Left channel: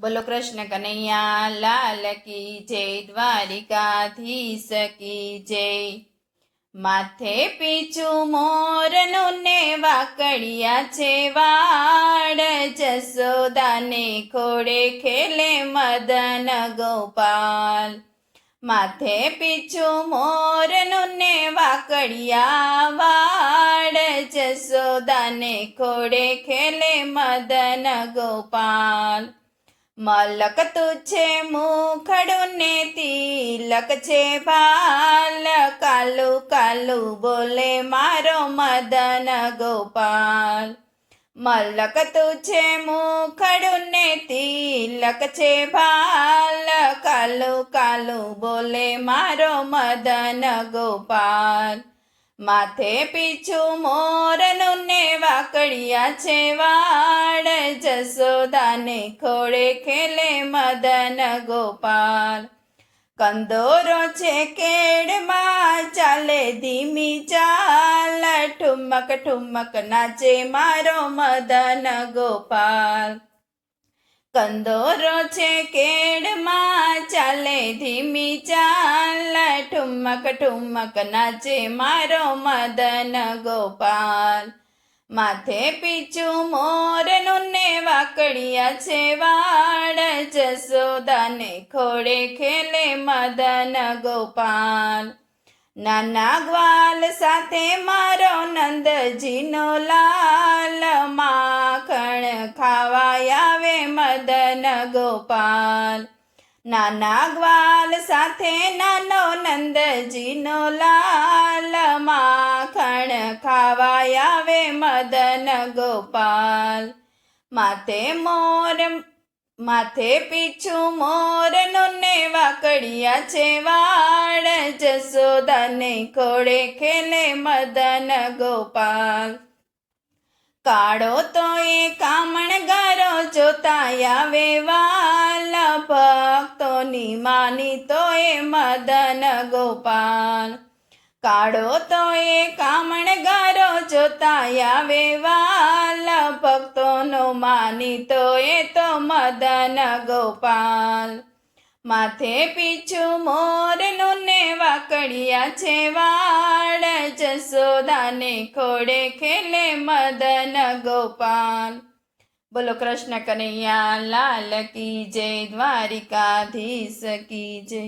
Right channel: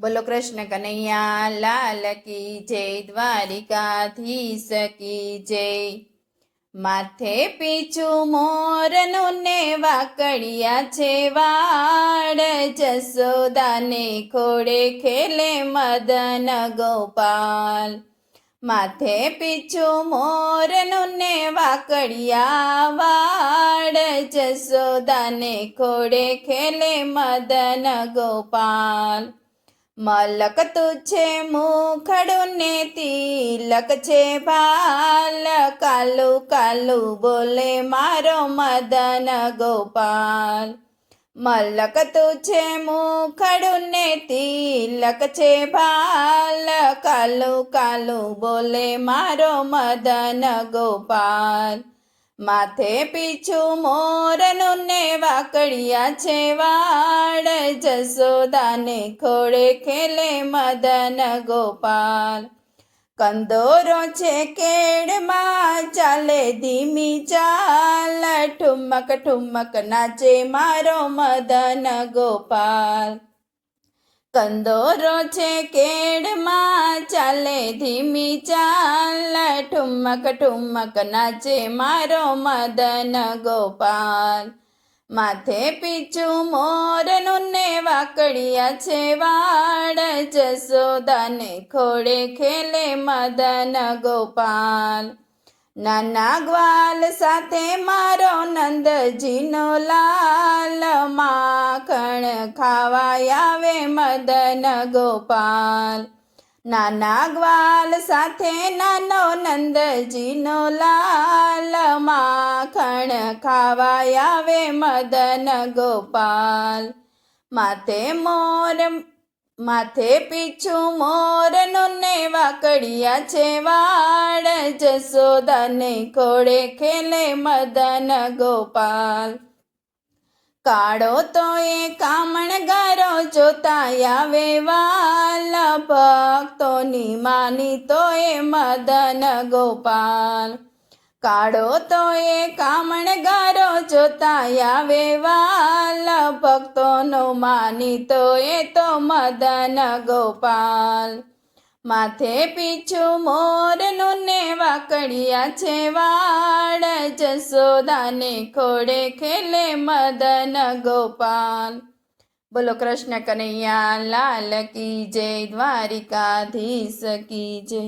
બોલો કૃષ્ણ કનૈયા લાલ કી જય, દ્વારિકાધીશ કી જય। માથે પીછું મોરનું ને વાકડિયા છે વાડ, જસોદાને ખોડે ખેલે મદન ગોપાલ। માથે પીછું મોરનું ને વાકડિયા વાડ, જસોદાને ખોડે ખેલે મદન ગોપાલ। મલક તુછે મુખડું ને તિલક છે ભાલ, કાલું કાલું બોલે મારો મદન ગોપાલ। મલક તુછે મુખડું ને તિલક છે ભાલ, કાલું કાલું બોલે મારો મદન ગોપાલ। માથે પીછું મોરનું ને વાકડિયા છે વાડ, જસોદાને ખોડે ખેલે મદન ગોપાલ। કંદોરો છે કેડમાં ચાલે ધીમી ચાલ, ઠુમક ઠુમક નાચે મારો મદન ગોપાલ। કંદોરો છે કેડમાં ચાલે ધીમી ચાલ, ઠુમક ઠુમક નાચે મારો મદન ગોપાલ। માથે પીછું મોરનું ને વાકડિયા છે વાડ, જસોદાને ખોડે ખેલે મદન ગોપાલ। નાના ગ્વાલ સાથે મારો નંદજીનો લાલ, માખણ ખાવા આવે મદન ગોપાલ। નાના ગ્વાલ સાથે નાનો નંદજીનો લાલ, માખણ ખાવા આવે મદન ગોપાલ। માથે પીછું મોરનું ને વાકડિયા છે વાડ, જસોદાને ખોડે ખેલે મદન ગોપાલ। કાળો તો એ કામણગારો જોતા આવે વાલ, ભક્તોની માની તો એ મદન ગોપાલ। કાળો તો એ કામણગારો જોતા આવે વાલ, ભક્તોનો માની તો એ તો મદન ગોપાલ। માથે પીછું મોરનું ને વાકડિયા છે વાડ, જસોદાને ખોડે ખેલે મદન ગોપાલ। બોલો કૃષ્ણ કનૈયા લાલ કી જય, દ્વારિકાધીશ કી જય।